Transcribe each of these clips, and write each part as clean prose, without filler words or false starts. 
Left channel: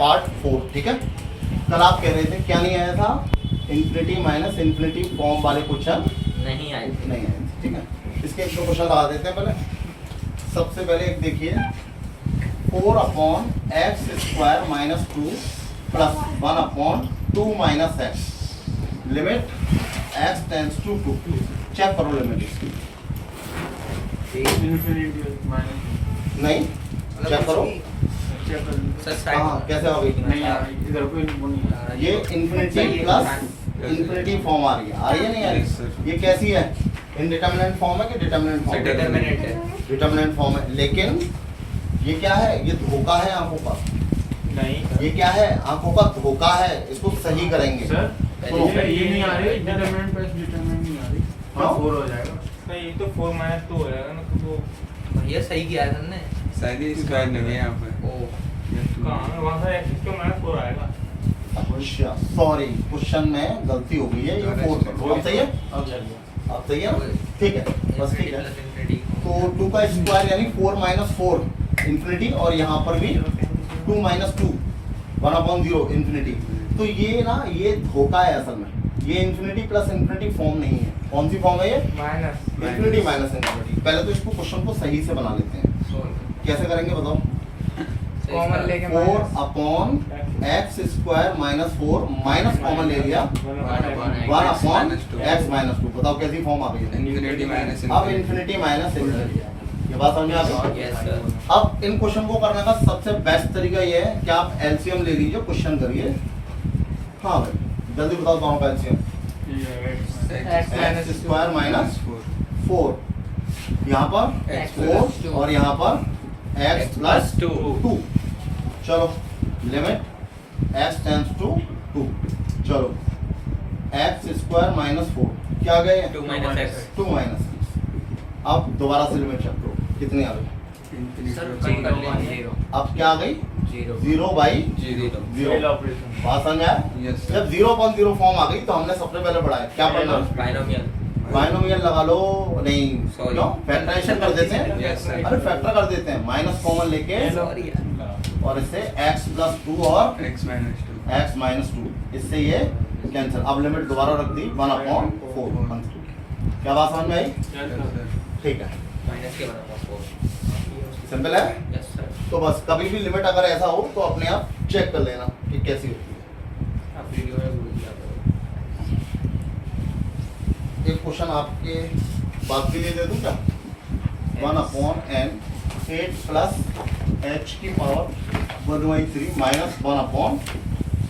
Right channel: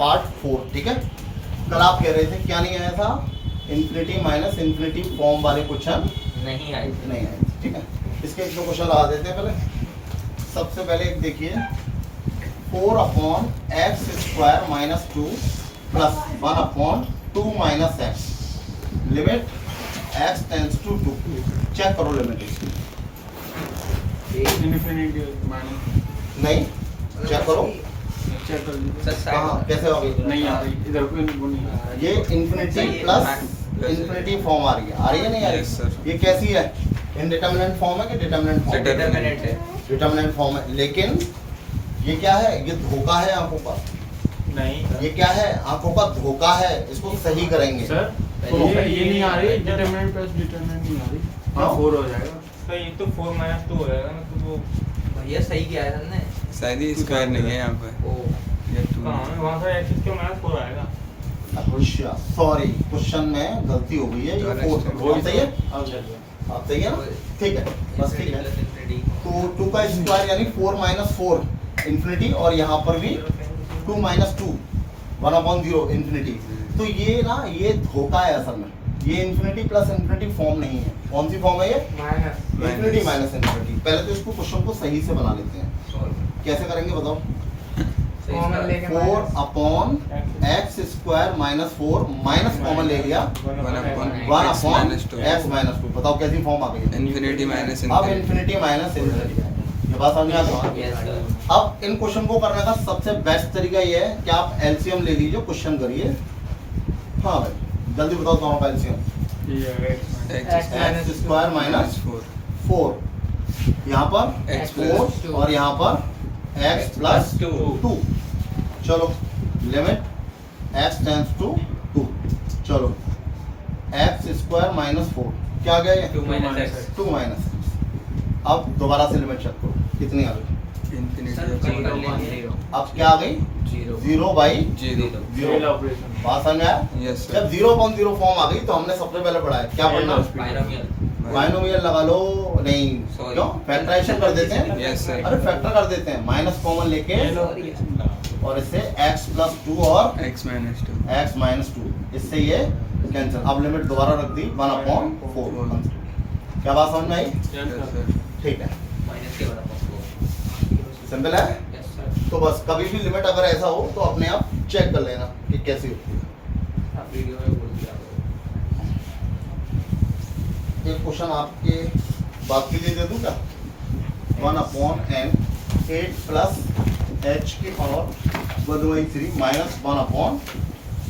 Part 4, ठीक है। कल आप कह रहे थे क्या नहीं आया था, इन्फिनिटी माइनस इन्फिनिटी फॉर्म वाले क्वेश्चन नहीं आए नहीं आए थे, ठीक है। इसके एक दो क्वेश्चन लगा देते हैं पहले। सबसे पहले एक देखिए, 4/x² - 2 + 1/2 - x, limit x tends to 2। Check करो लिमिट इसकी। नहीं, चेक करो हाँ कैसे होगी। नहीं आ रही इधर कोई नहीं आ रही। ये इन्फिनिटी प्लस इन्फिनिटी फॉर्म आ रही है नहीं आ Yes, रही? sir. ये कैसी है, इनडिटरमिनेंट फॉर्म है कि डिटरमिनेंट फॉर्म? डिटरमिनेंट है। डिटरमिनेंट फॉर्म है, लेकिन ये क्या है, ये धोखा है आंखों का। नहीं ये क्या है, आंखों का धोखा है, इसको सही करेंगे। सर सुनो। ये नहीं आ रही, डिटरमिनेंट प्लस डिटरमिनेंट नहीं आ रही। क्यों? 4 हो जाएगा। ये तो 4 - 2 हो जाएगा ना, तो वो ये सही किया है हमने। शायद ही स्क्वायर नहीं है यहाँ पे। ओ कहाँ है वहाँ से x क्यों -4 आएगा। अच्छा सॉरी, क्वेश्चन में गलती हो गई है, ये 4 अब सही है, अब सही है ना, ठीक है बस ठीक है। तो 2 का स्क्वायर यानी 4 - 4 इन्फिनिटी, और यहाँ पर भी 2 - 2 1/0 इन्फिनिटी। तो ये ना ये धोखा है असल में, ये इन्फिनिटी प्लस इन्फिनिटी फॉर्म नहीं है। कौन सी फॉर्म है ये, इन्फिनिटी माइनस इन्फिनिटी। पहले तो इसको क्वेश्चन को सही से बना लेते हैं, कैसे करेंगे बताओ। 4/x² - 4 माइनस कॉमन ले लिया, 1/x - 2। बताओ कैसी फॉर्म आ गई है। इन्फिनिटी माइनस अब इन्फिनिटी माइनस इन्फिनिटी, ये बात समझ में आ गई। Yes sir. अब इन क्वेश्चन को करने का सबसे बेस्ट तरीका ये है कि आप एलसीएम ले लीजिए, क्वेश्चन करिए। हाँ भाई जल्दी बताओ कहाँ का एलसीएम। x² - 4, यहाँ पर X 4 और यहाँ पर x + 2। चलो लिमिट x टेंड्स टू 2। चलो x² - 4 क्या आ गया, 2 - x 2 - x। अब दोबारा से लिमिट चेक करो कितनी आ गई। सर चेक कर लेंगे। अब क्या आ गई, 0/0। बात समझ में आया? यस जब 0/0 फॉर्म आ गई तो हमने सबसे पहले पढ़ा है क्या पढ़ना, बाइनोमियल। बाइनोमियल लगा लो। नहीं Sorry. क्यों, फैक्टराइजेशन कर देते हैं। Yes, sir. अरे फैक्टर कर देते हैं, माइनस कॉमन लेके और इससे x + 2 और x - 2 x - 2, इससे ये कैंसिल। अब लिमिट दोबारा रख दी 1/4। क्या बात समझ में आई? ठीक है, माइनस के बराबर 4। सिंपल है। यस सर। तो बस कभी भी लिमिट अगर ऐसा हो तो अपने आप चेक कर लेना कि कैसी होती है। आप वीडियो में बोल दिया। एक क्वेश्चन आपके बात के लिए दे दूं क्या, 1/n 8 + h⁻³ -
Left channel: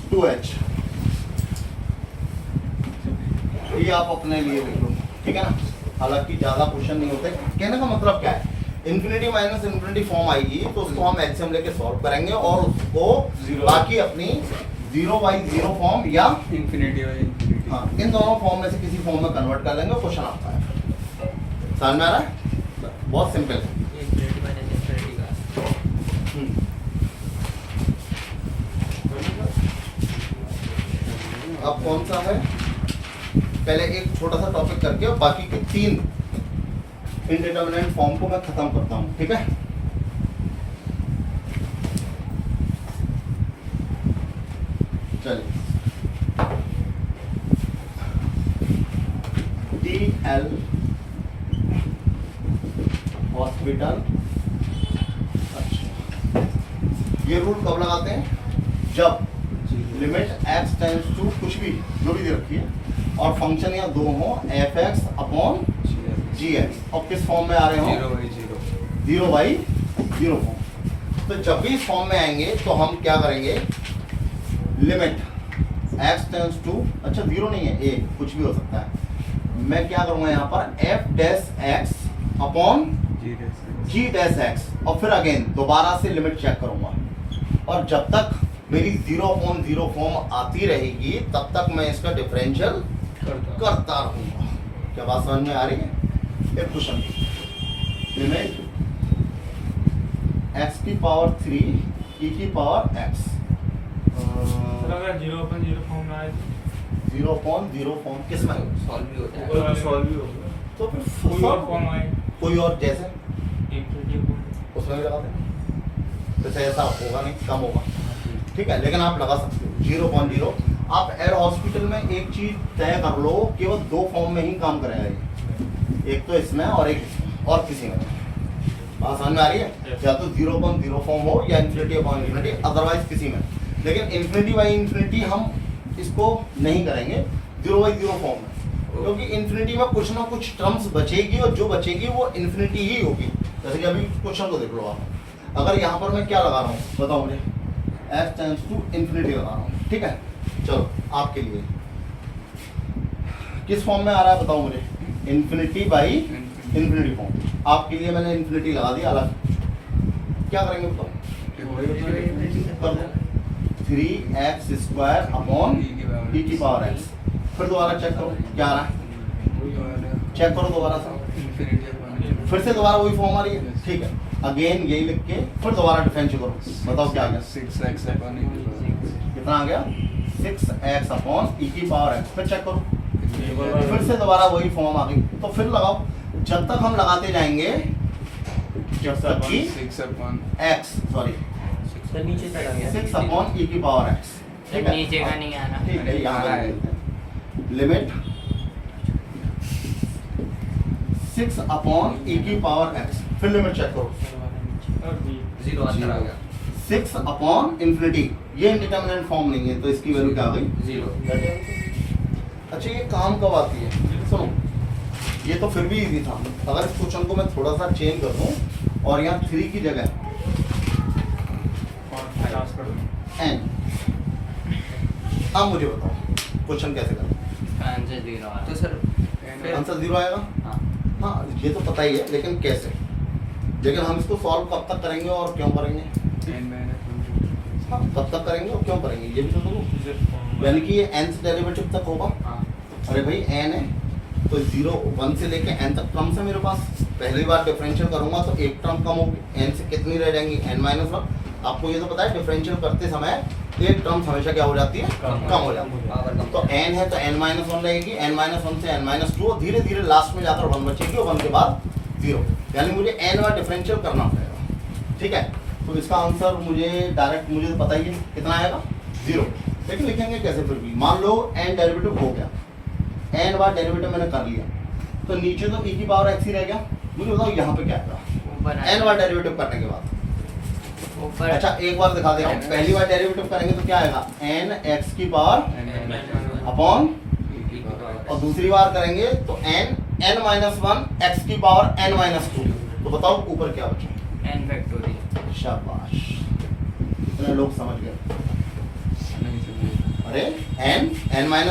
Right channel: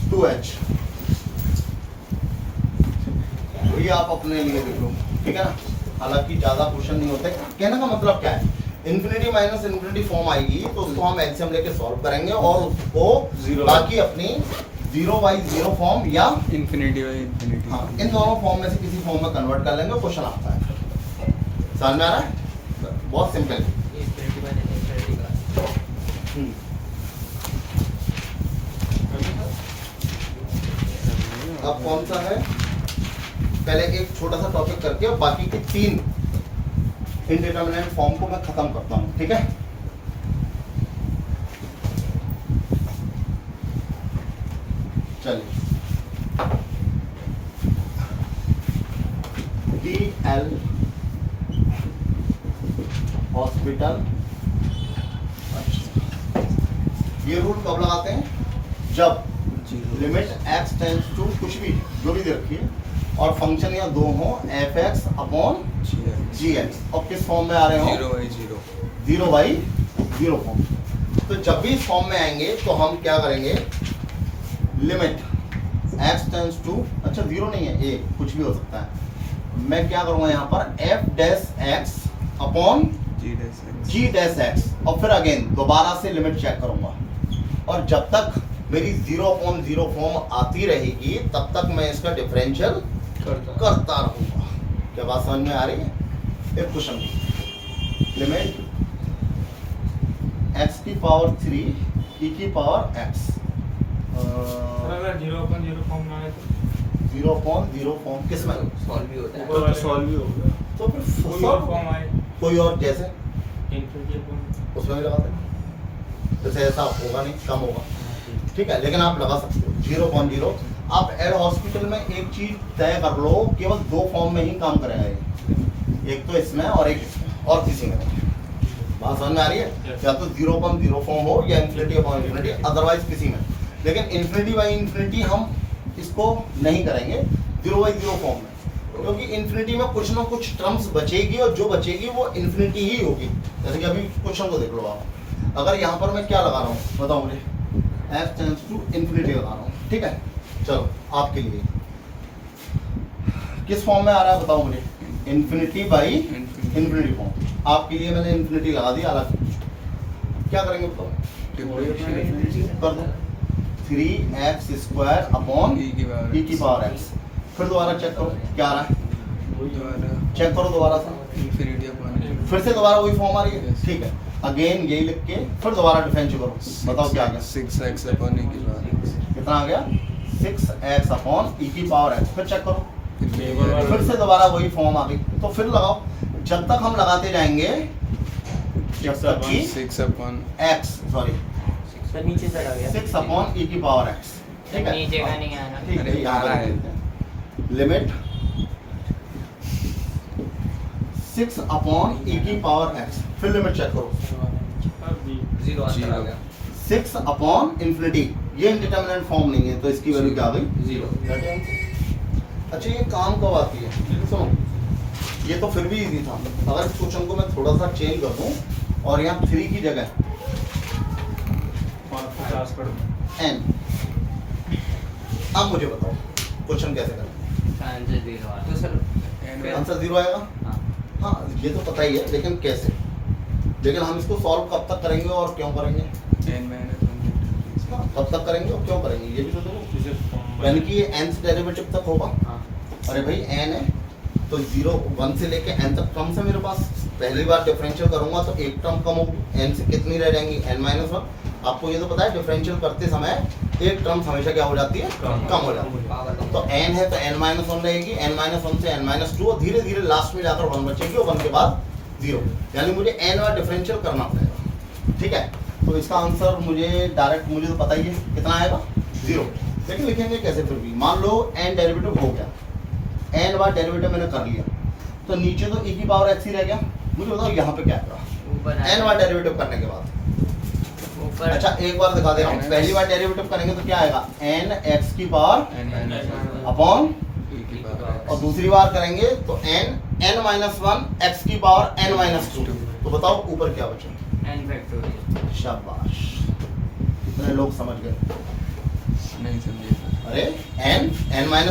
1/2h। ये आप अपने लिए देख लो, ठीक है ना। हालांकि ज्यादा क्वेश्चन नहीं होते। कहने का मतलब क्या है, इन्फिनिटी माइनस इन्फिनिटी फॉर्म आएगी तो उसको हम एलसीएम लेके सॉल्व करेंगे और उसको बाकी अपनी 0/0 फॉर्म या इन्फिनिटी बाई इन्फिनिटी। हाँ इन दोनों फॉर्म में से किसी फॉर्म में कन्वर्ट कर लेंगे, क्वेश्चन आता है। समझ में आ रहा है, बहुत सिंपल है। इन्फिनिटी माइनस इन्फिनिटी का। अब कौन सा है, पहले एक छोटा सा टॉपिक करके और बाकी के 3 इनडिटरमिनेंट फॉर्म को मैं खत्म करता हूँ, ठीक है। चलिए DL हॉस्पिटल। ये रूल कब लगाते हैं, जब लिमिट x टेंड्स टू कुछ भी जो भी दे रखी है और फंक्शन या दो हो f(x/gx) और किस फॉर्म में आ रहे हो, 0/0 फॉर्म। तो जब भी इस फॉर्म में आएंगे तो हम क्या करेंगे, लिमिट x टेंड्स टू, अच्छा 0 नहीं है, a कुछ भी हो सकता है। मैं क्या करूंगा यहाँ पर f'(g'(x) और फिर अगेन दोबारा से लिमिट चेक करूंगा, और जब तक मेरी 0/0 फॉर्म आती रहेगी तब तक मैं इसका डिफरेंशियल करता रहूंगा। क्या बात समझ में आ रही है? एक क्वेश्चन, लिमिट x⁻³ e⁻x। अगर 0/0 फॉर्म में आए 0/0 फॉर्म किस में, सॉल्व भी होता है। तो सॉल्व ही हो गया। तो फिर कोई और फॉर्म आए कोई और जैसे इन्फिनिटी फॉर्म। उसमें भी लगाते हैं, जैसे ऐसा होगा नहीं, कम होगा, ठीक है, लेकिन आप लगा सकते हो 0.0। आप एड हॉस्पिटल में एक चीज तय कर लो, केवल दो फॉर्म में ही काम करेगा ये, एक तो इसमें और एक इसमें, और किसी में नहीं। बात समझ में आ रही है? या तो 0.0 फॉर्म हो या इन्फिनिटी अपॉन इन्फिनिटी, अदरवाइज किसी में। लेकिन इन्फिनिटी बाई इन्फिनिटी हम इसको नहीं करेंगे 0/0 फॉर्म में, क्योंकि इन्फिनिटी में कुछ ना कुछ टर्म्स बचेगी और जो बचेगी वो इन्फिनिटी ही होगी। जैसे कि अभी क्वेश्चन को देख लो आप, अगर यहाँ पर मैं क्या लगा रहा हूँ बताओ मुझे, f टेंड्स टू इन्फिनिटी लगा रहा हूँ, ठीक है। चलो आपके लिए किस फॉर्म में आ रहा है बताओ मुझे, इन्फिनिटी बाई इन्फिनिटी फॉर्म। आपके लिए मैंने इन्फिनिटी लगा दिया अलग, क्या करेंगे बताओ, कर दो 3x² अपॉन e की पावर x। फिर दोबारा चेक करो क्या आ रहा है, चेक करो दोबारा से, इन्फिनिटी अपॉन फिर से दोबारा वही फॉर्म आ रही है, ठीक है। अगेन यही लिख के फिर दोबारा डिफरेंशियल करो, बताओ क्या आ गया, 6x अपॉन e की पावर, कितना आ गया 6x अपॉन e की पावर x। फिर चेक करो, फिर फिर से दोबारा वही फॉर्म आ गई। तो फिर लगाओ, जब तक हम लगाते जाएंगे जब तक कि 6 अपॉन x सॉरी सर नीचे चला गया 6 अपॉन e की पावर x, ठीक है। नीचे का नहीं आना। ठीक है, यहाँ पर लिखते हैं लिमिट 6 अपॉन e की पावर x। फिर लिमिट चेक करो, जीरो अंदर आ गया 6 अपॉन इन्फिनिटी, ये इंडिटरमिनेट फॉर्म नहीं है तो इसकी वैल्यू क्या आ गई, जीरो। अच्छा ये काम कब आती है, सुनो ये तो फिर भी इजी था। अगर इस क्वेश्चन को मैं थोड़ा सा चेंज कर दूं और यहाँ 3 की जगह n, अब मुझे बताओ क्वेश्चन कैसे करें, आंसर जीरो तो सर आंसर 0 आएगा। हाँ ये तो पता ही है, लेकिन कैसे, लेकिन हम इसको सॉल्व कब तक करेंगे और क्यों करेंगे, हाँ कब तक करेंगे और क्यों करेंगे ये भी तो सुनो। यानी कि ये n से डेरिवेटिव तक होगा, अरे भाई n है तो 0 1 से लेके n तक टर्म्स है मेरे पास। पहली बार डिफरेंशियल करूंगा तो एक टर्म कम होगी, n से कितनी रह जाएंगी n-1। आपको ये तो पता है डिफरेंशियल करते समय एक टर्म्स हमेशा क्या हो जाती है, कम हो जाती है। तो n है तो n-1 रहेगी, n-1 से n-2 और धीरे धीरे लास्ट में जाकर 1 बचेगी और 1 के बाद 0, यानी मुझे n बार डिफरेंशियल करना पड़ेगा, ठीक है। तो इसका आंसर मुझे डायरेक्ट मुझे तो पता ही है कितना आएगा 0, लेकिन लिखेंगे कैसे फिर भी। मान लो n डेरिवेटिव हो गया, n बार डेरिवेटिव मैंने कर लिया, तो नीचे तो e की पावर x ही रह गया। मुझे बताओ यहाँ पे क्या आएगा n बार डेरिवेटिव करने के बाद। अच्छा एक बार दिखा दे रहा हूँ, पहली बार डेरिवेटिव करेंगे तो क्या आएगा n x की पावर अपॉन, और दूसरी बार करेंगे तो n-1 x की पावर n-2। तो बताओ ऊपर क्या बचा, n फैक्टोरियल। शाबाश, इतने लोग समझ गए। नहीं समझे, अरे n-1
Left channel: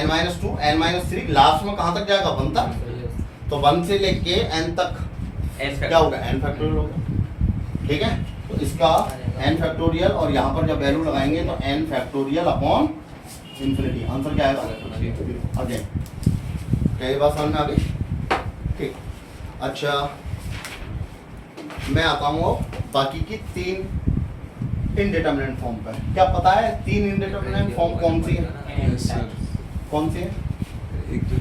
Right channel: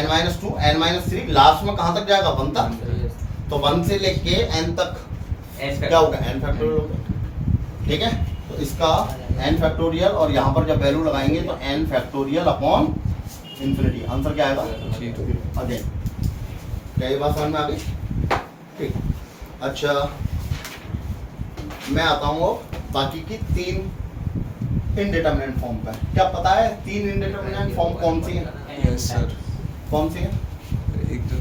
n-2 n-3 लास्ट में कहाँ तक जाएगा 1 तक, तो 1 से लेके n तक क्या होगा n फैक्टोरियल होगा, ठीक है। तो इसका n फैक्टोरियल और यहाँ पर जब वैल्यू लगाएंगे तो n factorial upon infinity, answer क्या आएगा अगेन। क्या ये बात समझ में आ गई, ठीक। अच्छा मैं आता हूँ बाकी की 3 इनडिटरमिनेट फॉर्म पर। क्या पता है 3 इनडिटरमिनेट फॉर्म कौन सी है, यस सर। कौन सी है, एक तो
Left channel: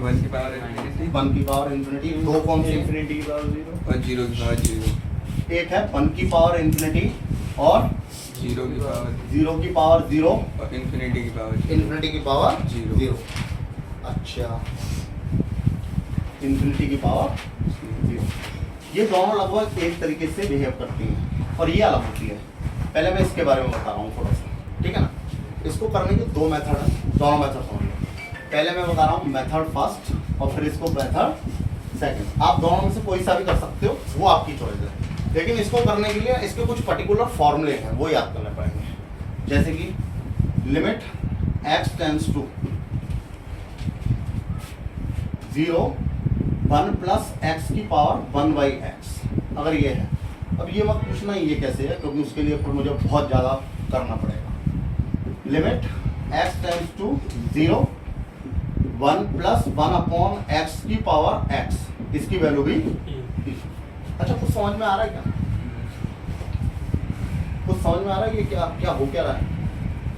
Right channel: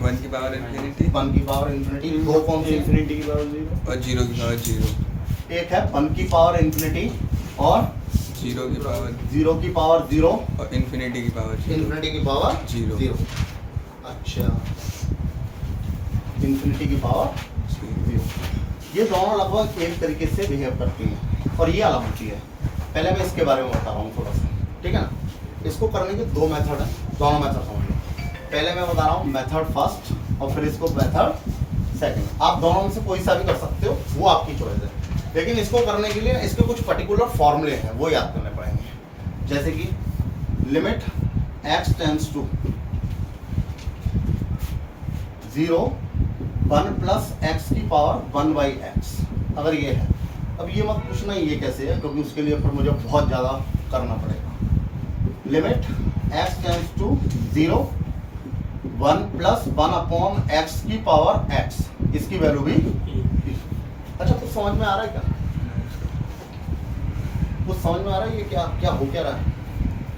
1 की पावर इन्फिनिटी 1 की पावर इन्फिनिटी, 2 कौन सी इन्फिनिटी की पावर 0 और 0 की पावर 0, एक है 1 की पावर इन्फिनिटी और 0 की पावर 0 की पावर 0 और इन्फिनिटी की पावर 0। इन्फिनिटी की पावर 0। अच्छा इन्फिनिटी की पावर 0, ये दोनों लगभग एक तरीके से बिहेव करती हैं और ये अलग होती है। पहले मैं इसके बारे में बता रहा हूँ थोड़ा सा, ठीक है ना। इसको करने के 2 मेथड हैं, दोनों मेथड समझ लो। पहले मैं बता रहा हूँ मेथड फर्स्ट और फिर इसको मेथड सेकंड। आप दोनों में से कोई सा भी कर सकते हो, वो आपकी चॉइस है, लेकिन इसको करने के लिए इसके कुछ पर्टिकुलर फॉर्मूले हैं वो याद करने पड़ेंगे। जैसे कि limit x tends to 0 1 plus x की पावर 1/x, अगर ये है। अब ये मत पूछना ये कैसे है, क्योंकि उसके लिए फिर मुझे बहुत ज़्यादा करना पड़ेगा। Limit x tends to 0 1 plus 1 upon x की पावर x, इसकी वैल्यू भी। अच्छा कुछ समझ में आ रहा है क्या, कुछ समझ में आ रहा है ये क्या क्या हो क्या रहा है।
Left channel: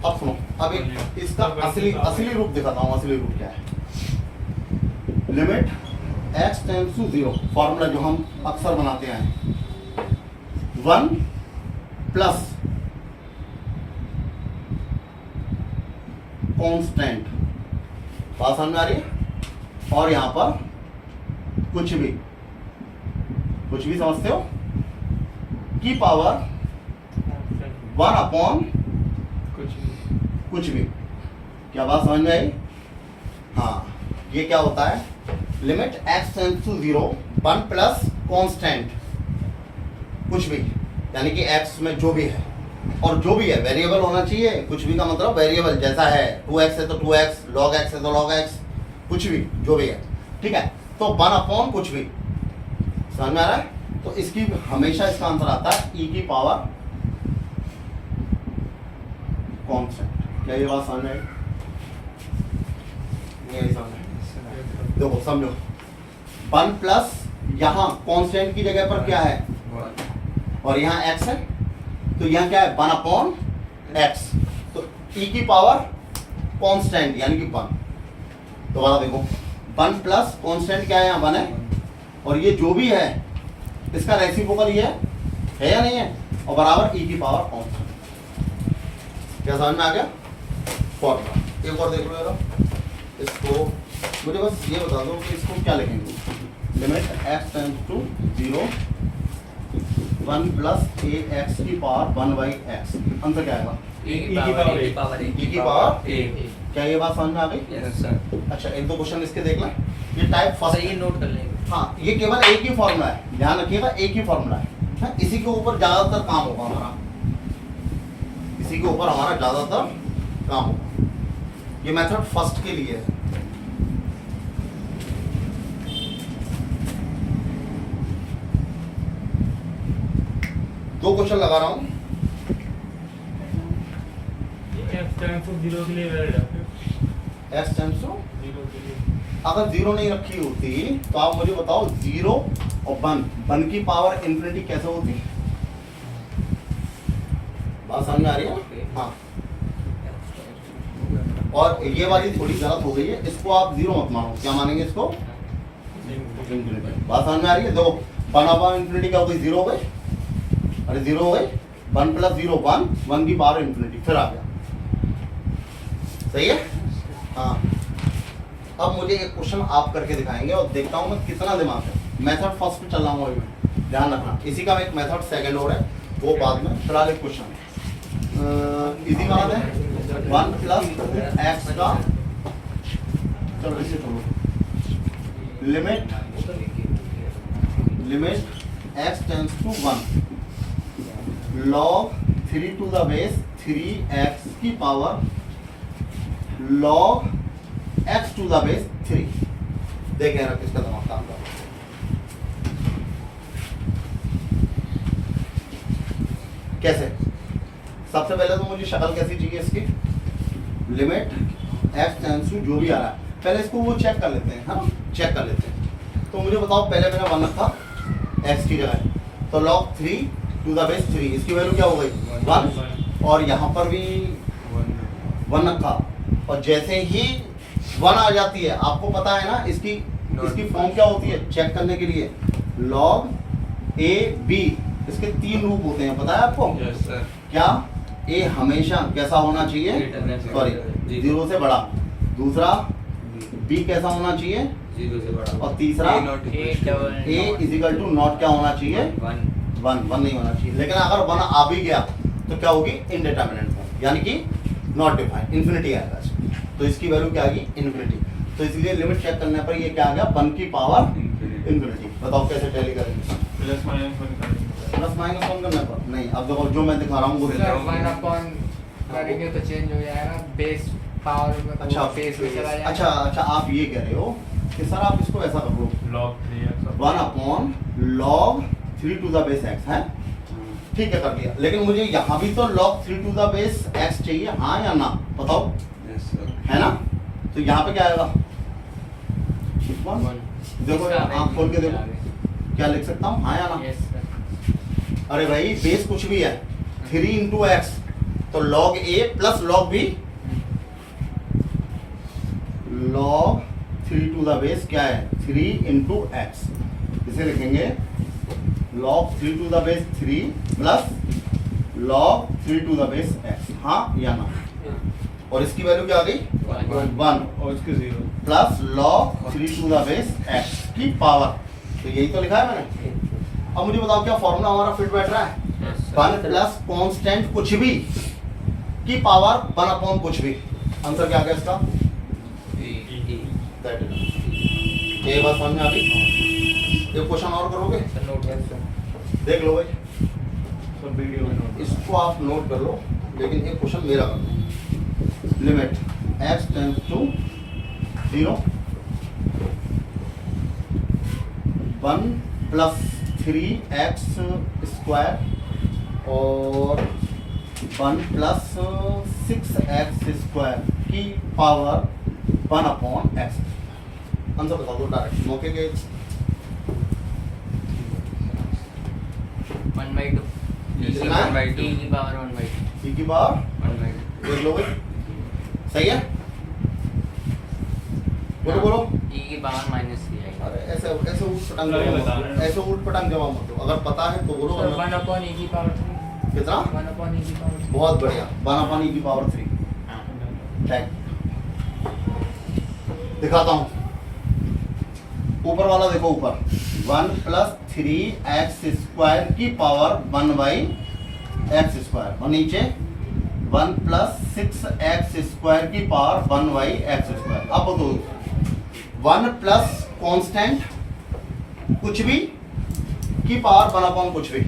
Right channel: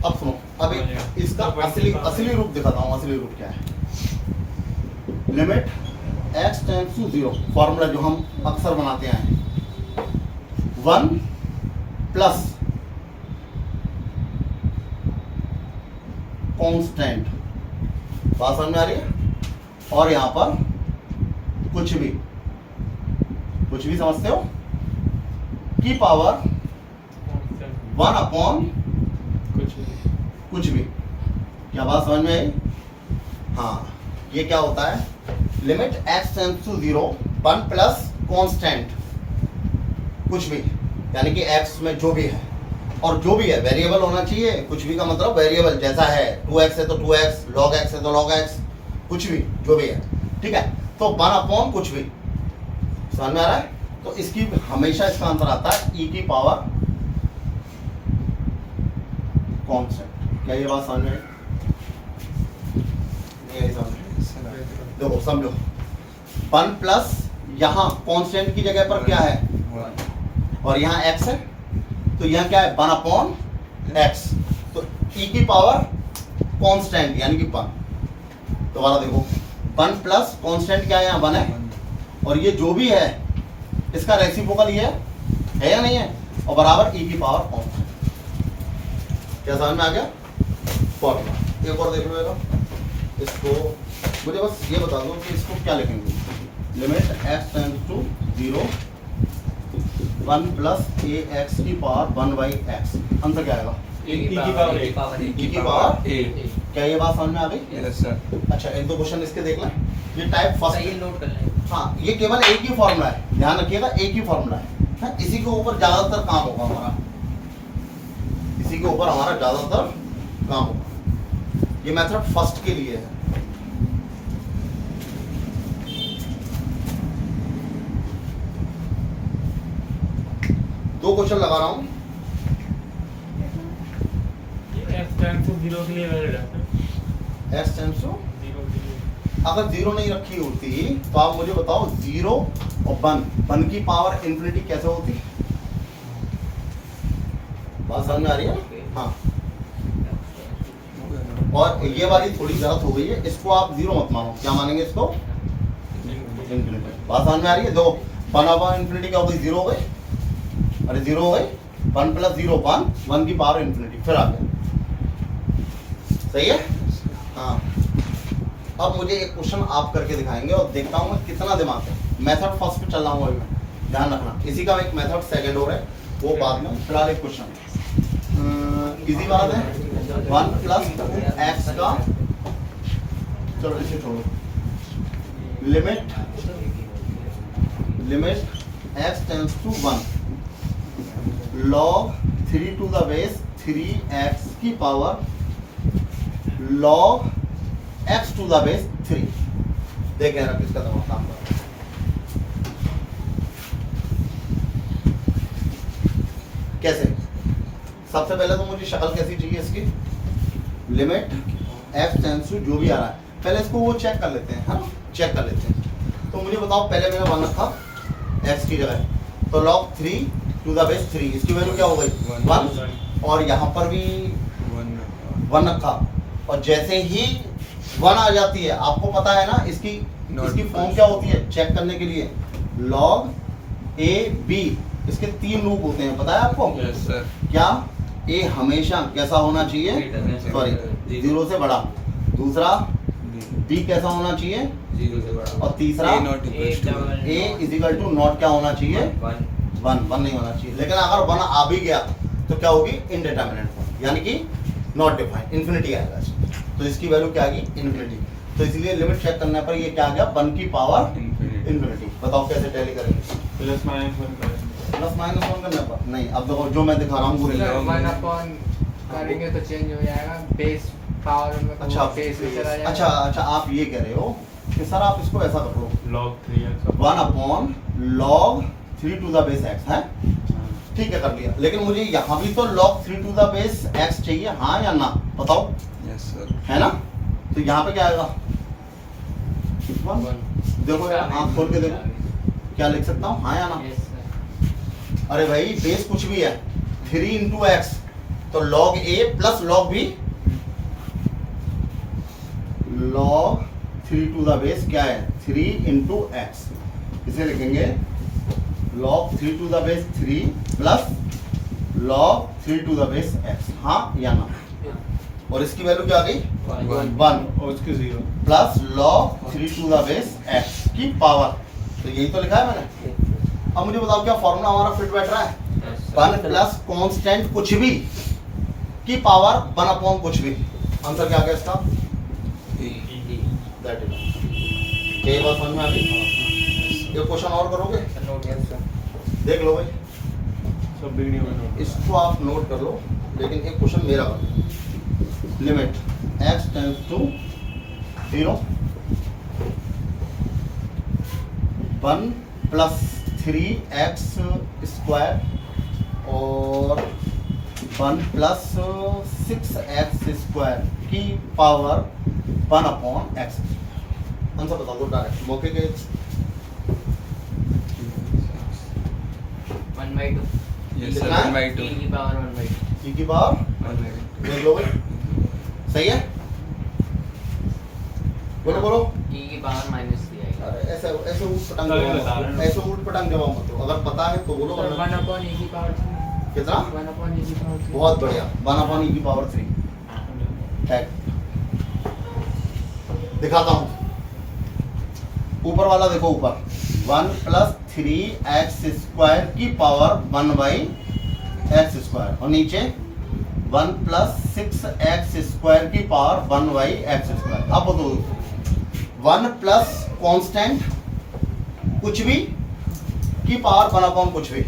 अब सुनो, अब एक इसका असली रूप दिखाता हूँ। असली रूप क्या है, limit x tends to 0, formula जो हम अक्सर बनाते हैं 1 प्लस कांस्टेंट, बात समझ में आ रही है? और यहाँ पर कुछ भी समझते हो, की पावर 1 अपॉन कुछ भी। क्या बात समझ में आई? हाँ, ये क्या होता है, limit x tends to 0 1 plus constant कुछ भी, यानी कि x में जो भी है, और जो भी है वेरिएबल होना चाहिए। कुछ भी का मतलब वेरिएबल, जैसा है 2x है तो 2x, log x है तो log x, कुछ भी जो भी है, ठीक है। तो 1 अपॉन कुछ भी, समझ में आ रहा है? तो इसकी हमेशा इसका आंसर आता है e की पावर कांस्टेंट। क्या ये बात समझ में आई? नहीं आई समझ में? देखो समझो, 1 प्लस यहाँ कांस्टेंट की जगह पर क्या है, और यहाँ x है, तो यहाँ क्या है 1 अपॉन x, तो e की पावर कांस्टेंट यानी कि 1। दोबारा देखो, 1 प्लस कांस्टेंट क्या है, यहाँ 1 है, और ये जो भी है इसका रेसिप्रोकल ये है या नहीं है, और बराबर e की पावर कांस्टेंट। क्या समझ में आ गया? फॉर्मूला एक और देख लो जरा इसको, मुझे बस ये बता दो कि इसको क्या लिखेंगे। Limit x tends to 0 1 plus ax की पावर 1/x, आंसर क्या आएगा? e की पावर e की पावर ए। क्या ये बात समझ में आ गई? Yes sir. अच्छा, एक दो क्वेश्चन इसके देख लें। ये टाइप फर्स्ट, सही नोट कर लेंगे। हाँ, ये केवल एक ही फॉर्मूला है, ध्यान रखिएगा, एक ही फॉर्मूला है। हाँ, इसी के ऊपर ज्यादातर काम होगा हमारा, इसी के ऊपर हमारा ज्यादातर काम होगा। ये मेथड फर्स्ट के लिए है। दो क्वेश्चन लगा रहा हूं। x टेंड्स टू 0 के लिए वैलिड है। x टेंड्स टू 0 अगर 0 नहीं रखी होती तो आप मुझे बताओ 0 और 1 की पावर इन्फिनिटी कैसे होती? बात समझ में आ रही है? हाँ, और ये वाली थोड़ी गलत हो गई है, इसको आप 0 मत मानो। क्या मानेंगे इसको? इन्फिनिटी। बात समझ में आ रही है? देखो 1 अपॉन इन्फिनिटी क्या हो गई? 0 हो गई, अरे 0 हो गई, 1 प्लस 0 1 की पावर इन्फिनिटी, फिर आ गया। सही है? हाँ, अब मुझे एक क्वेश्चन आप करके दिखाएंगे और देखता हूँ मैं कितना दिमाग है। मेथड फर्स्ट पे चल रहा हूँ अभी मैं, ध्यान रखना। इसी का एक मेथड सेकंड हो रहा है, वो बाद में। फिलहाल एक क्वेश्चन इजी बात है, 1 प्लस 2x का, चलो इसे छोड़ो, limit x tends to 1 log 3 to the base 3x की power log x to the base 3। देखें ना किसका दिमाग काम कर रहा है। कैसे? सबसे पहले तो मुझे शक्ल कैसी चाहिए इसकी, लिमिट x टेंड्स टू जो भी आ रहा है, पहले इसको वो चेक कर लेते हैं, है ना, चेक कर लेते हैं। तो मुझे बताओ, पहले मैंने 1 रखा x की जगह, तो log 3 टू द बेस 3, इसकी वैल्यू क्या हो गई? 1, और यहाँ पर भी 1 रखा, और जैसे ही 1 आ जाती है, आपको पता है ना इसकी फॉर्म क्या होती है चेक करने के लिए, log a b, इसके 3 रूप होते हैं, पता है आपको? Yes sir. क्या? a हमेशा कैसा होना चाहिए? सॉरी, 0 से बड़ा। दूसरा b कैसा होना चाहिए? 0 से बड़ा। और तीसरा a not equals to a is equal to not क्या होना चाहिए? 1 नहीं होना चाहिए। लेकिन अगर 1 आ भी गया तो क्या होगी? इनडिटरमिनेट फॉर्म, यानी कि नॉट डिफाइंड, इन्फिनिटी आएगा इसमें। तो इसकी वैल्यू क्या आएगी? इन्फिनिटी। तो इसलिए लिमिट चेक करने पर ये क्या आ गया? 1 की पावर इन्फिनिटी। बताओ कैसे टैली करेंगे? प्लस माइनस 1 करेंगे। प्लस माइनस 1 करने पर नहीं। अब देखो जो मैं दिखा रहा हूँ वो सर, रिजल्ट। 1 अपॉन करेंगे तो चेंज हो जाएगा, बेस पावर में अच्छा बेस में चला जाएगा। अच्छा, आप ये कह रहे हो कि सर आप इसको ऐसा कर लो, log 3x 1 upon log 3 to the base x है, ठीक है, कर दिया। लेकिन मुझे यहाँ भी तो log 3 to the base x चाहिए, हाँ या ना? बताओ, यस सर। है ना? तो यहाँ पे क्या आएगा? 1। देखो आँख खोल के देखो, क्या लिख सकता हूँ, हाँ या ना? Yes, sir. अरे भाई बेस कुछ भी है, 3 इंटू एक्स, तो log a plus log b, log 3 to the base क्या है? 3 इंटू एक्स। इसे लिखेंगे log 3 to the base 3 plus log 3 to the base x, हाँ या ना? और इसकी वैल्यू क्या आ गई 1 और इसके 0 plus log 3 to the base x की पावर। तो यही तो लिखा है मैंने। अब मुझे बताओ क्या फॉर्मूला हमारा फिट बैठ रहा है? 1 प्लस कांस्टेंट कुछ भी की पावर 1 अपॉन कुछ भी। आंसर क्या आ गया इसका? दैट इज ये बात समझ में आ गई। ये क्वेश्चन और करोगे? नोट कर देख लो भाई, सब वीडियो में इसको आप नोट कर लो, लेकिन एक क्वेश्चन मेरा कर लो। Limit x tends to 0 1 plus 3x square और 1 प्लस 6x स्क्वायर की पावर 1 अपॉन x। आंसर बता दो डायरेक्ट मौके के। 1/2 ये कितना है? 7/2 e की पावर 1/2 e की पावर 1/2 देख लो भाई, सही है? बोलो बोलो। e की पावर -3 आएगा। अरे ऐसे ऐसे ऊट पटांग सही जवाब बता मत रहे दो, हो। ऐसे ऊट पटांग जवाब मत दो। अगर पता है तो बोलो, वरना 1/e की पावर 3 कितना? 1/e की पावर 3 बहुत बढ़िया, 1 अपॉन e की पावर 3। ठीक, दिखाता हूँ। ऊपर वाला देखो, ऊपर 1 प्लस 3x स्क्वायर की पावर 1 बाई एक्स स्क्वायर, और नीचे 1 प्लस 6x स्क्वायर की पावर 1 बाई एक्स स्क्वायर। अब बताओ 1 प्लस कांस्टेंट कुछ भी की पावर 1 अपॉन कुछ भी।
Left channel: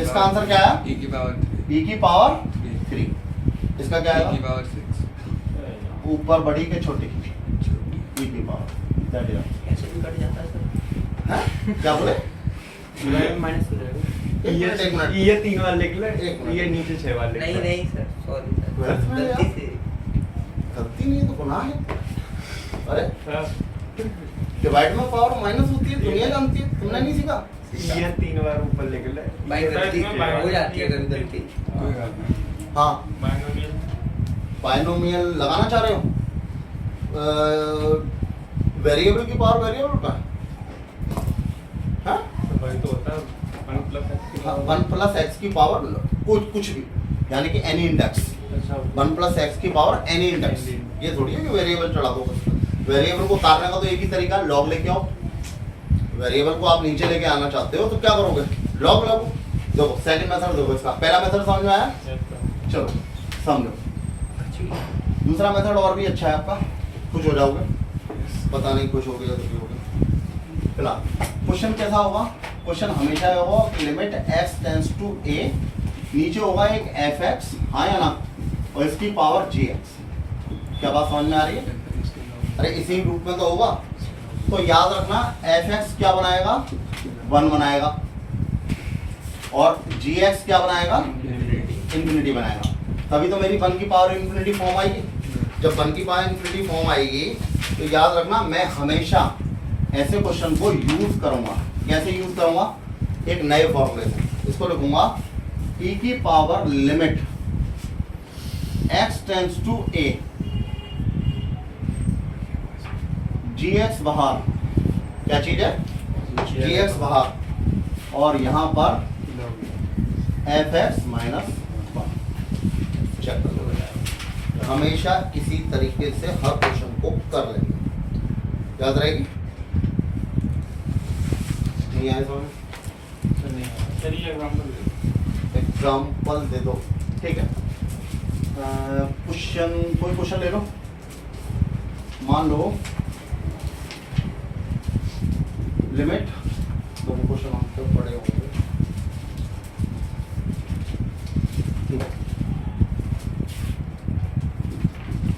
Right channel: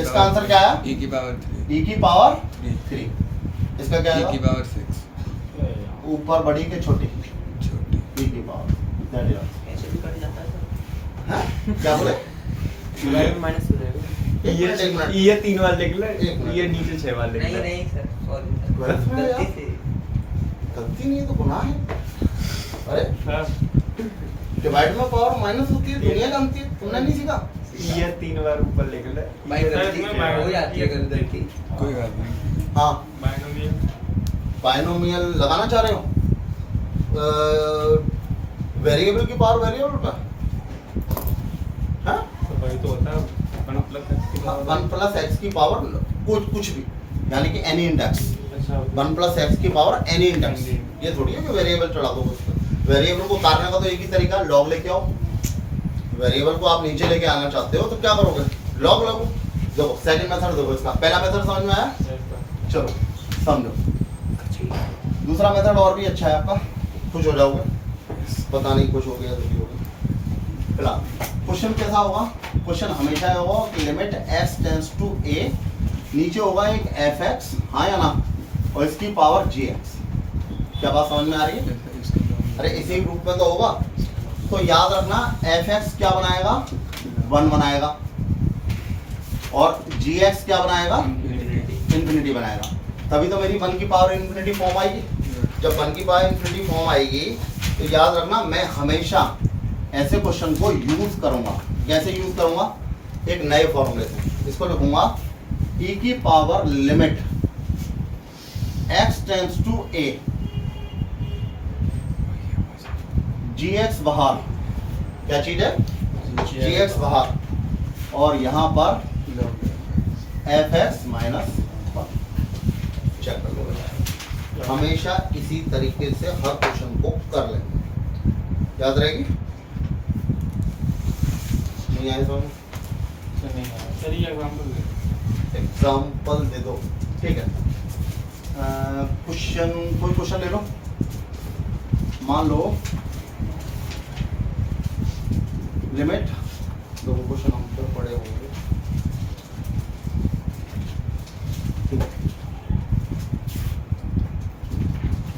इसका आंसर क्या आया? e की पावर 3 e की पावर 3 3। इसका क्या e की है? पावर 6 ऊपर बड़ी के छोटी छोटी e की पावर। दैट इज कैसे भी कट जाता है सर। क्या बोले? माइनस हो जाएगा। एक मिनट। ये 3 बार लिख ले, एक मिनट। ये नीचे 6 बार लिख नहीं ले। नहीं सर, सॉरी सर, ट्वेल्थ में गलती यार। से। गलती नहीं है तो गुनाह है। अरे सर डिवाइड में पावर माइनस होती है, दुनिया जानती है, तुमने नहीं सीखा? ये 3 बार ऊपर लिख ले। भाई ये गलती इसमें बाय- हो जाती है कभी गलती। कोई बात नहीं। हाँ, बाइनोमियल बाइनोमियल लगाना चाह रहे हो? वेरिएबल की पावर वेरिएबल पे? हाँ, तो वही तो होता है 1 प्लस x की पावर। 1 प्लस एक्स की पावर कुछ भी, यानी कि एनी इंडेक्स। अच्छा 1 प्लस एक्स की पावर एनी इंडेक्स। ये थोड़ी है कि वेरिएबल चढ़ा दो बस। वेरिएबल को उतारने का तो एक ही तरीका, लॉग लेके आओ। वेरिएबल को आप नीचे लेके आना चाहते हो तो क्या करोगे? लॉग लगो। देखो सेकंड मेथड देखो इसका। पहला मेथड समझ में आया? चलो समझो। दूसरा मेथड और भी अच्छा है आपका, खुश हो जाओगे। पता नहीं खुश हो गया तो नहीं हो गया। फिलहाल क्वेश्चन कैसा होगा? क्वेश्चन हमेशा होगा कि limit x tends to a, नीचे होगा एक fx, हाँ या ना, और इसकी पावर gx। क्या बात समझ में आ रही है? अरे इसी रूप में तो होगा। तो याद रखना fx क्या बनाएगा? 1 बनाएगा, और gx क्या बनाएगा? इंफिनिटी बनाएगा। तभी तो मेरी 1 की पावर इंफिनिटी फॉर्म आएगी। जब 1 की पावर इंफिनिटी फॉर्म आएगी तो याद रखना मैं हमेशा ऐसे क्वेश्चन को यूज करूंगा। कैसे यूज करूंगा? एक नए फॉर्मूले से। इसको लिखूंगा e की power limit x tends to a, gx बाहर, क्या चीज है? gx बाहर, और यहां पर fx माइनस 1। चेक कर लो। हमेशा इसी तरीके से हर क्वेश्चन को कर लेंगे, याद रहेगी। नहीं आए समझ? सर ये एग्जांपल दे। एग्जाम्पल दे दो, ठीक है। क्वेश्चन, कोई क्वेश्चन ले लो। मान लो लिमिट, दो क्वेश्चन हम तो पढ़े होंगे।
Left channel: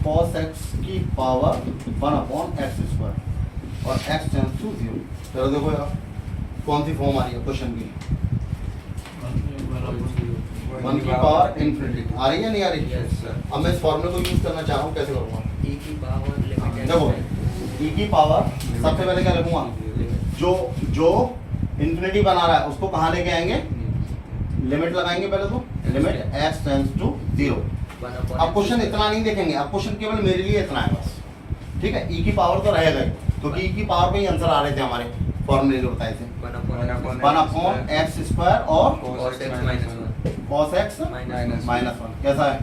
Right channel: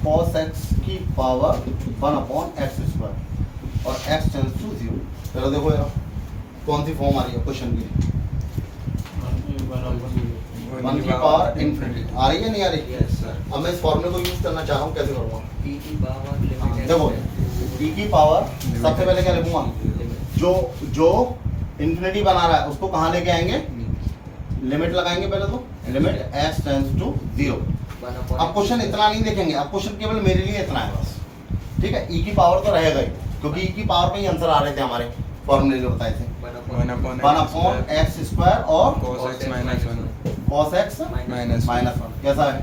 cos x की पावर 1 अपॉन एक्स स्क्वायर और x टेंड्स टू 0। चलो देखो यार कौन सी फॉर्म आ रही है क्वेश्चन की। 1 की पावर इंफिनिटी आ रही है, नहीं आ रही? Yes, sir. अब मैं इस फॉर्मूले को यूज करना चाह रहा हूँ, कैसे करूँगा? e की पावर लिमिट देखो e की पावर सबसे पहले क्या लिखूंगा? जो इंफिनिटी बना रहा है उसको कहाँ लेके आएंगे? लिमिट लगाएंगे पहले तो, लिमिट x टेंड्स टू 0। अब क्वेश्चन इतना नहीं देखेंगे, अब क्वेश्चन केवल मेरे लिए इतना है बस, ठीक है। e की पावर तो रहेगा ही, क्योंकि e की पावर पे ही आंसर आ रहे थे हमारे फॉर्मूले जो बताए थे। 1 अपॉन एक्स स्क्वायर और cos x minus 1 cos x minus minus one. कैसा है?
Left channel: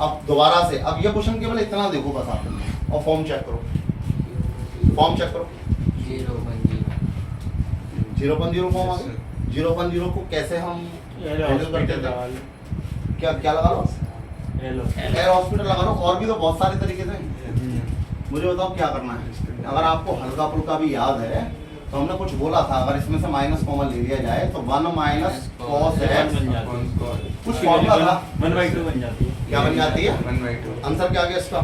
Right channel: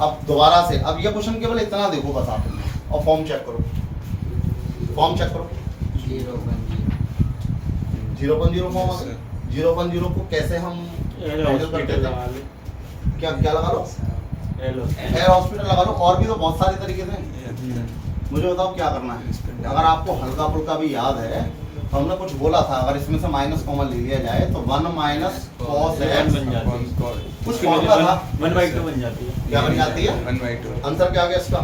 अब दोबारा से, अब ये क्वेश्चन केवल इतना देखो बस आप, और फॉर्म चेक करो, फॉर्म चेक करो। 0.0 फॉर्म आ गई। 0.0 को कैसे हम हैंडल करते थे? क्या क्या लगा लो? हेलो एयर हॉस्पिटल लगा लो। और भी तो बहुत सारे तरीके थे। मुझे बताओ क्या करना है। अगर आपको हल्का फुल्का भी याद है तो हमने कुछ बोला था, अगर इसमें से माइनस कॉमन ले लिया जाए तो 1 माइनस cos x बन जाती है। कुछ फॉर्मूला था। 1/2 बन जाती है। क्या बन जाती है? 1/2 आंसर क्या आ गया इसका?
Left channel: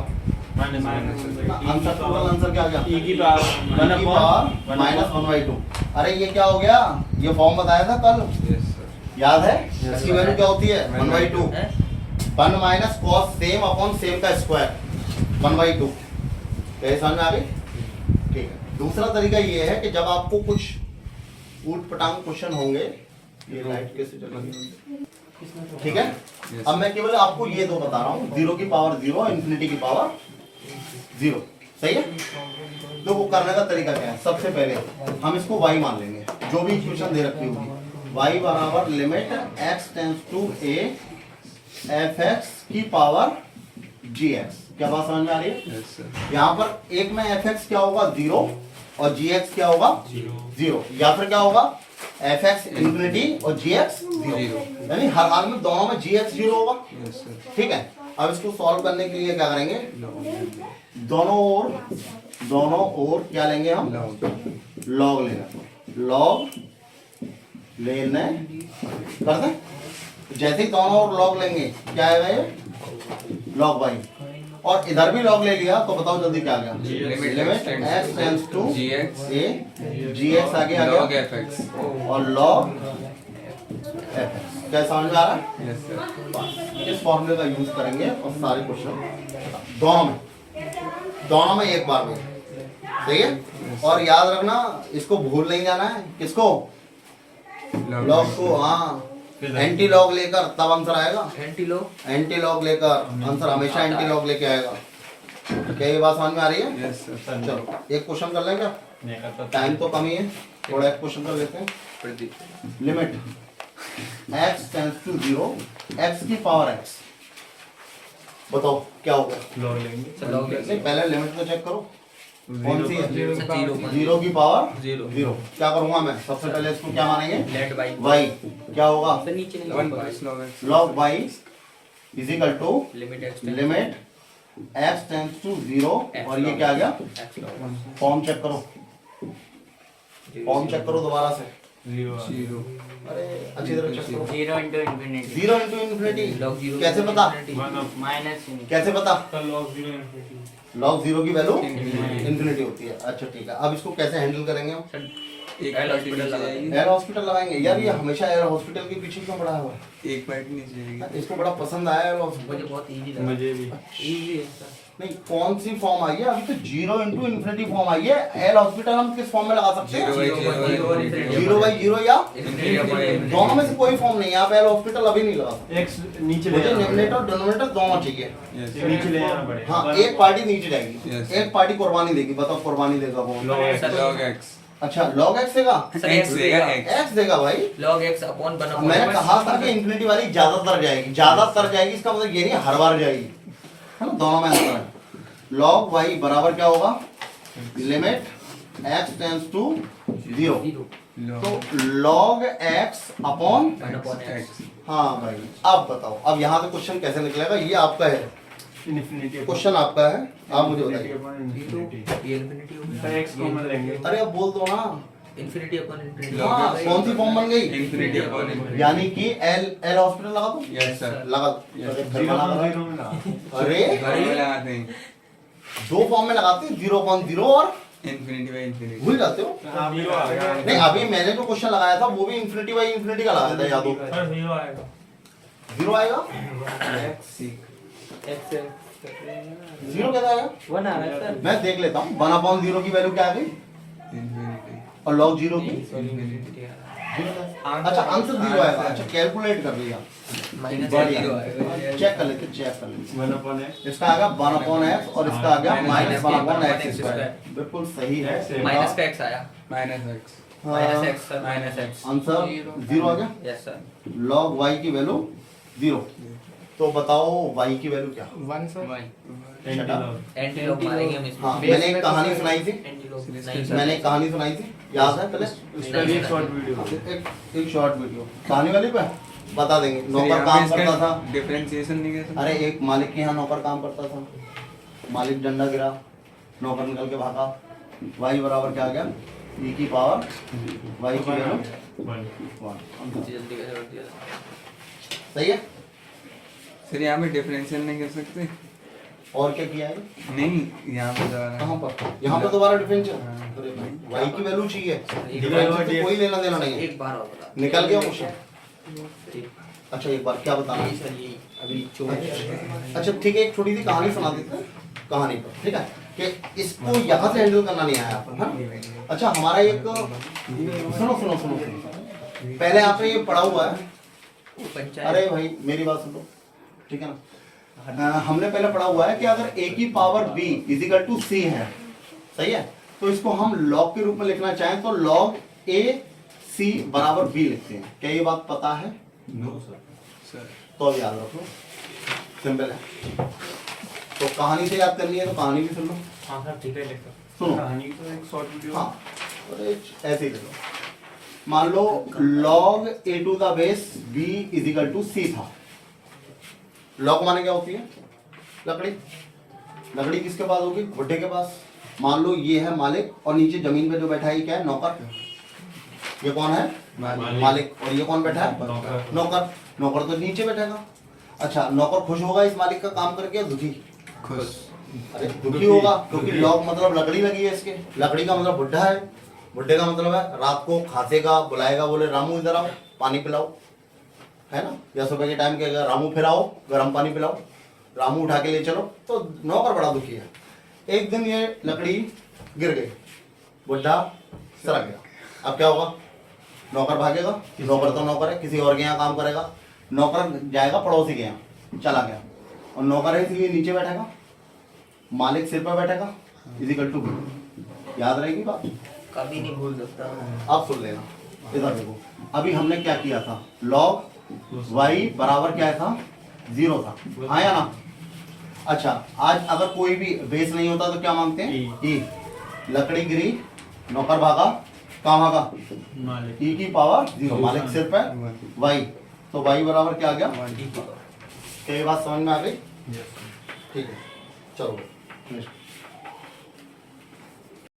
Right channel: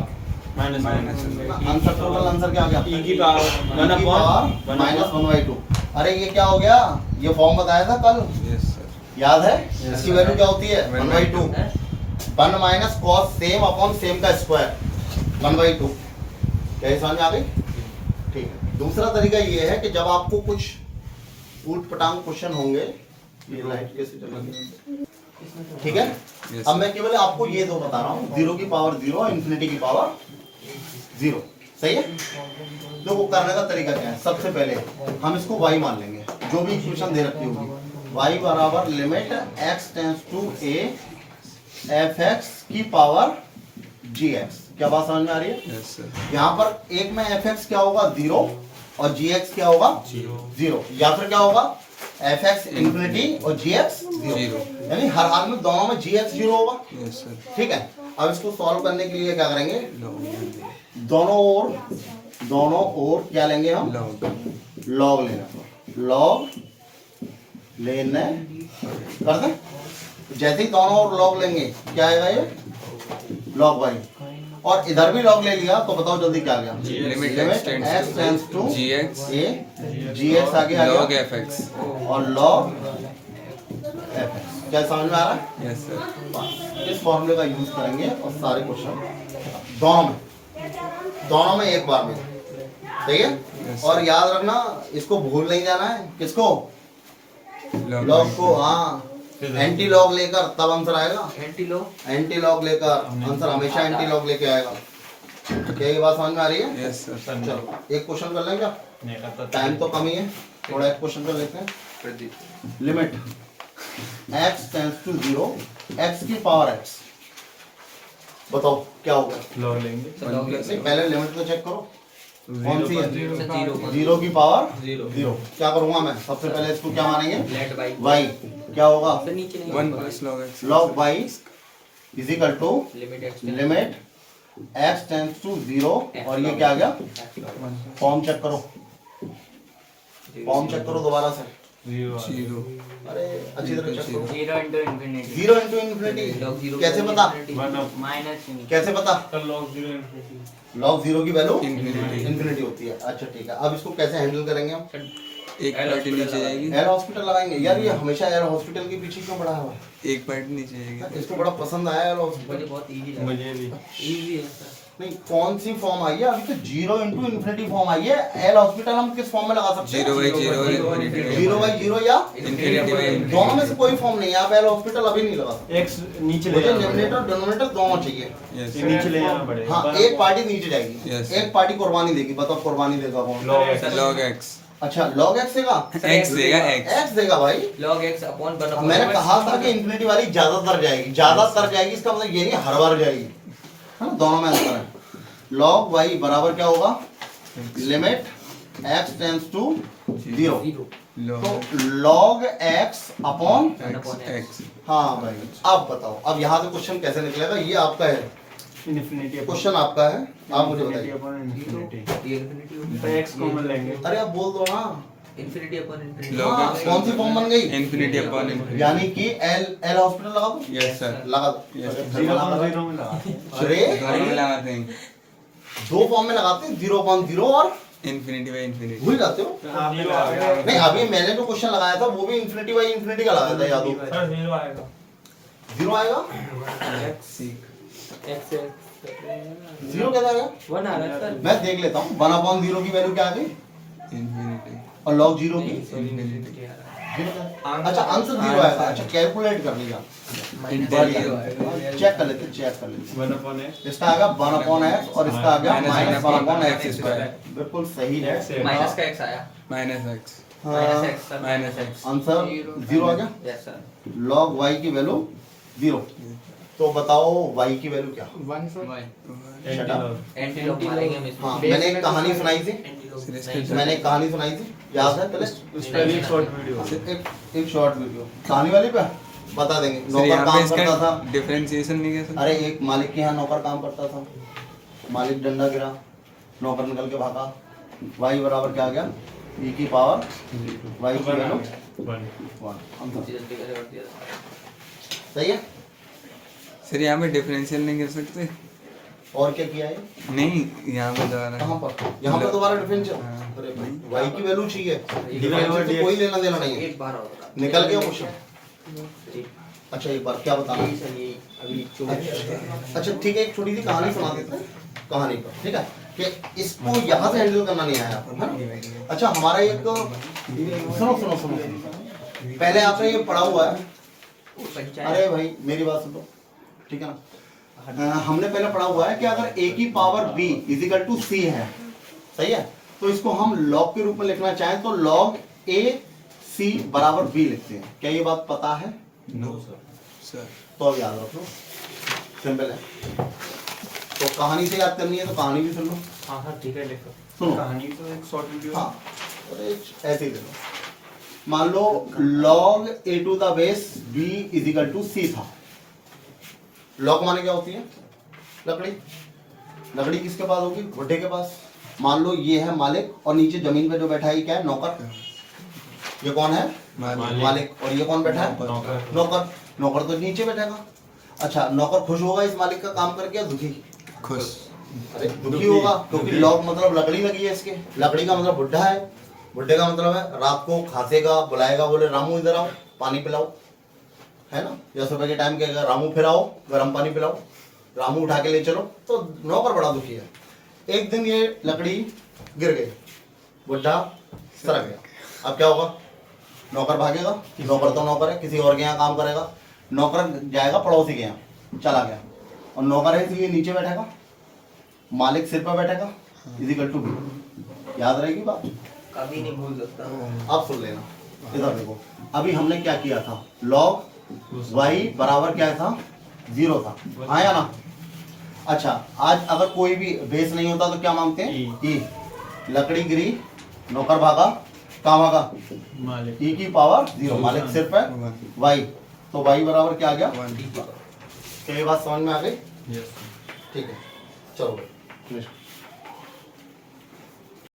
माइनस आंसर, टोटल आंसर क्या आ गया? e की पावर e की पावर माइनस 1/2। अरे ये क्या हो गया? ये फॉर्म बताया था कल, यस सर। याद है? इसकी वैल्यू क्या होती है? 1/2। 1 minus cos same upon same का स्क्वायर 1/2। क्या समझ में आ गई? ठीक है। दूसरा तरीका ये है कि जब आपको कुछ ऊट पटांग क्वेश्चन होंगे, ये लाइट कैसे चलेगी, ठीक है? Yes. अब मैं केवल आपको ये दो बता रहा हूँ, 0 की पावर 0, इन्फिनिटी की पावर 0। सही है? तो वो करने का तरीका क्या है? सबसे पहले हम इसको y मान लेंगे, जो भी इक्वेशन दे रखी होगी। y बराबर limit x tends to a fx की पावर gx। क्या बात समझ में आ रही है? यस सर। यहाँ पर एक में fx क्या होगा? 0, और gx क्या होगा? 0। या फिर क्या होगा? fx इन्फिनिटी और gx 0। यानी हर हाल में दोनों में gx 0 होगा। Yes sir. ठीक है। अब इसको सॉल्व करने के लिए क्या करेंगे? दोनों ओर क्या लेंगे हम? लॉग लेना। लॉग लेने करते हैं। जैसे ही दोनों ओर लॉग लेंगे क्या आएगा? ये लॉग y। और इधर भी लॉग ले लिया तो बताओ जल्दी क्या आ गया? Limit x tends to gx a gx आगे आ log गया fx। और log fx। क्या समझ में आ रहा है? यस सर। इस फॉर्मूले का यूज करेंगे और सारे क्वेश्चन दोनों में एक बार में। सही है? और याद रखना, इसको भूल नहीं जाना है। किसको? लॉग को। हाँ, एंटी लॉग लेकर तब आंसर आएगा। एंटी लॉग लेकर आंसर हमेशा एंटी लॉग लेके आएगा। क्या ये बात समझ में आ रही है? यस सर। चलो एक क्वेश्चन कर लेंगे, टाइम तो कम ही है, थोड़ा एक क्वेश्चन कर लेते हैं। Limit x tends to 0 x की पावर x। बताओ क्या होगा? लॉग लेंगे। नहीं, पहले लिमिट तो चेक करो कौन सी है? 0 0 की पावर 0। 0। क्या करूंगा मैं? सबसे पहले इसको क्या मानेंगे? Let by y। क्या होगा? नीचे नहीं 1 plus log x। log y is equal to limit x limit x tends to 0, और ये क्या आ गया? फॉर्म चेक करो, फॉर्म चेक करो दोबारा से। 0। अरे अच्छी तरह चेक करो। 0 into infinity 0 इंटू इन्फिनिटी कैसे पता? minus infinity कैसे पता? Log 0 infinity. log 0 की वैल्यू Infinity। इन्फिनिटी होती है। अच्छा ठीक है। अब इसको कैसे हैंडल करेंगे हम? एक पार्टी नीचे जाएगी। एयर हॉस्पिटल लगाएंगे। यार ये हमेशा एयर हॉस्पिटल के पीछे क्यों पड़ा हुआ है? एक पार्टी नीचे जाएगी। इसको बड़ा पसंद आया एयर हॉस्पिटल। मुझे बहुत इजी लगा। मुझे भी इजी है सर। नहीं, कौन सी फॉर्म आई है? अभी तो 0 इंटू इन्फिनिटी फॉर्म आई है। एयर हॉस्पिटल हम किस फॉर्म में लगा सकते हैं? 0/0 या दोनों में से कोई फॉर्म नहीं है। आप एयर हॉस्पिटल अभी नहीं लगा सकते। एक्स नीचे ले मुझे जाना न्यूमरेटर और डिनोमिनेटर दोनों चाहिए। यस नीचे ले जाना पड़ेगा। हाँ, एक पार्टी नीचे जाएगी, Yes. एक पार्टी कुर्बानी देगी। बताओ कुर्बानी देगा कौन? log x। अच्छा, log x देगा? x देगा x। x देगा भाई। log x अपॉन अब मैंने कहा था कि इन्फिनिटी वाली ज्यादातर जाएगी। ज्यादातर जाएगी इसका मतलब ये नहीं हर बार जाएगी, है ना? दोनों में अंतर है। log y बराबर क्या होगा? Limit x tends to 0। तो log x अपॉन x। हाँ भाई, अब बताओ अब यहाँ से क्वेश्चन कैसे निकलेगा? ये आपका है इन्फिनिटी क्वेश्चन, आपका है, आप मुझे बताइए। इन्फिनिटी ये इन्फिनिटी तो एक्स कॉमन लेंगे। अरे अब बोल दो ना। Infinity upon infinity. Log हाँ, x। कौन सी फॉर्म बन गई? Infinity upon infinity. यानी कि एल हॉस्पिटल लगा दो। Yes sir. लगा दो। Yes. अरे फिर बना दो। 0 में लगा। अरे दोनों में लगाते हैं। दो फॉर्म में लगाते हैं, 0/0 और इन्फिनिटी बाय इन्फिनिटी। भूल जाते हो। जीरो आ गया। नहीं, अभी मैंने जो क्वेश्चन लगाया था वो भी इन्फिनिटी बाई इन्फिनिटी का लगाया था, याद हो? सर 0 आएगा। 0 आएगा? जीरो कैसा आएगा? 1 आ रहा है सर। मैं देख लेता हूँ। 1/0 की वैल्यू क्या आ गई? इन्फिनिटी। और log 0 की? इन्फिनिटी। अच्छा, आंसर 0 आएगा। अच्छा, कैलकुलेट कर लिया। चेक कर लेते, चेक कर लेते। 1/x इसका आ गया 1/x और इसका आ गया Minus -1/x²। बिल्कुल सही है। माइनस का x आया। Minus x। Minus x sir minus x answer zero आ गया। यस सर लॉग y की वैल्यू जीरो। तो बताओ y की वैल्यू क्या? 1 sir Shut up. Anti log मारेंगे हम इसमें हाँ Base मैंने में एक तो कहानी सर- सुनाई थी, एंटी लॉग मैंने एक कहानी सुनाई थी, याद है पहले? इसका भी एक शॉर्ट वीडियो एक शॉर्ट वीडियो कहानी वाली पे बता देंगे। सर नौकर यहाँ पे काम करता था, इसका डिफरेंशिएशन नहीं कैसे? अरे एक मालिक के यहाँ नौकर काम करता था, मालिक डंडा गिरा, नौकर निकल के भागा, y बराबर क्या आ गया? e की पावर y की वैल्यू 1। जल्दी कर सही है। सर यहाँ पे डिफरेंशियल नहीं कर सकते? और क्या किया है? नहीं, यहाँ पे दोबारा कहाँ पर? यहाँ पर दोबारा डिफरेंशियल। हाँ। अरे भाई y की वैल्यू चाहिए, है डिफरेंशियल से कोई लेना देना नहीं है। एक बार होगा निकल गया क्वेश्चन। ठीक अच्छा एक बार क्या बताना है? सर ये अभी अच्छा ठीक है, एक छोटी सी कहानी सुना देते हैं कहानी पर, ठीक है? कि इसको यहाँ से हैंडल करना नहीं आया आपको, है ना? अच्छा हमारा एक सुनो, पहले आपने ये पढ़ा हुआ है, पंचायत अरे भाई मेरी बात सुनो, ठीक है ना? हमने पहले पढ़ा हुआ है कि अगर a की power b equal to c है, सही है? तो इसको हम लॉग के रूप में लिखना चाहें तो लॉग a c बराबर b लिखते हैं। क्या ये बात पता है? No sir. तो अब याद रखो, सिंपल है। तो कहानी से याद करनी है तो कहानी भी सुन लो, हाँ सर ठीक है लिखो सुनो। कहानी तो एक शॉर्ट वीडियो हाँ अरे ऐसे ही देखो, मान लो log a to the base b equal to c था। log माने क्या होती है? लकड़ी। लकड़ी किसके पास होगी? बुड्ढे के पास। मान लो ये है मालिक और नीचे जमीन पे जो बैठा है ये क्या है? नौकर। ये कौन है? मालिक। और ये कौन बैठा है? नौकर। नौकर तो नीचे बैठेगा। अच्छा नौकर खुश होगा इस मालिक का काम करके या दुखी? खुश। अरे दुखी होगा, क्योंकि लॉग मतलब लकड़ी लगी है इसके। लकड़ी का मतलब बुढ़ा है, बुढ़े का मतलब है रात को खांसेगा, बुलाएगा, बोले रामू इधर आओ पानी पिलाओ, है ना? या सुबह के टाइम के रामू फिर आओ गर्म पानी पिलाओ, रामू उठा के ले चलो। तो नौकर बड़ा दुखी है। एक दिन ये लकड़ी गिर गई, बुढ़ा सड़क गया। अब क्या होगा? नौकर भागेगा, नौकर तो नौकर है, किसी और के यहाँ काम करेगा। नौकर जाएगा पड़ोसी के यहाँ, चला गया, और नौकर है इसलिए नीचे बैठेगा, मालिक सिर पर बैठेगा, इजिकल टू बी। याद रहेगी बात? कभी नहीं भूल सकता आप सुन लेना, इधर देखो। अभी हमने क्या किया था? लॉग y बराबर क्या था? 0 था, हाँ या ना? अच्छा आज अगर कोई भी बेस नहीं होता तो क्या मांगते हैं? e। लकड़ी गिरी, नौकर भागा, कहाँ भागा? e की पावर 0, मालिक सिर पर y, तो y बराबर क्या आ गया? क्या ये बात समझ में आ गई? ठीक है चलो नेक्स्ट।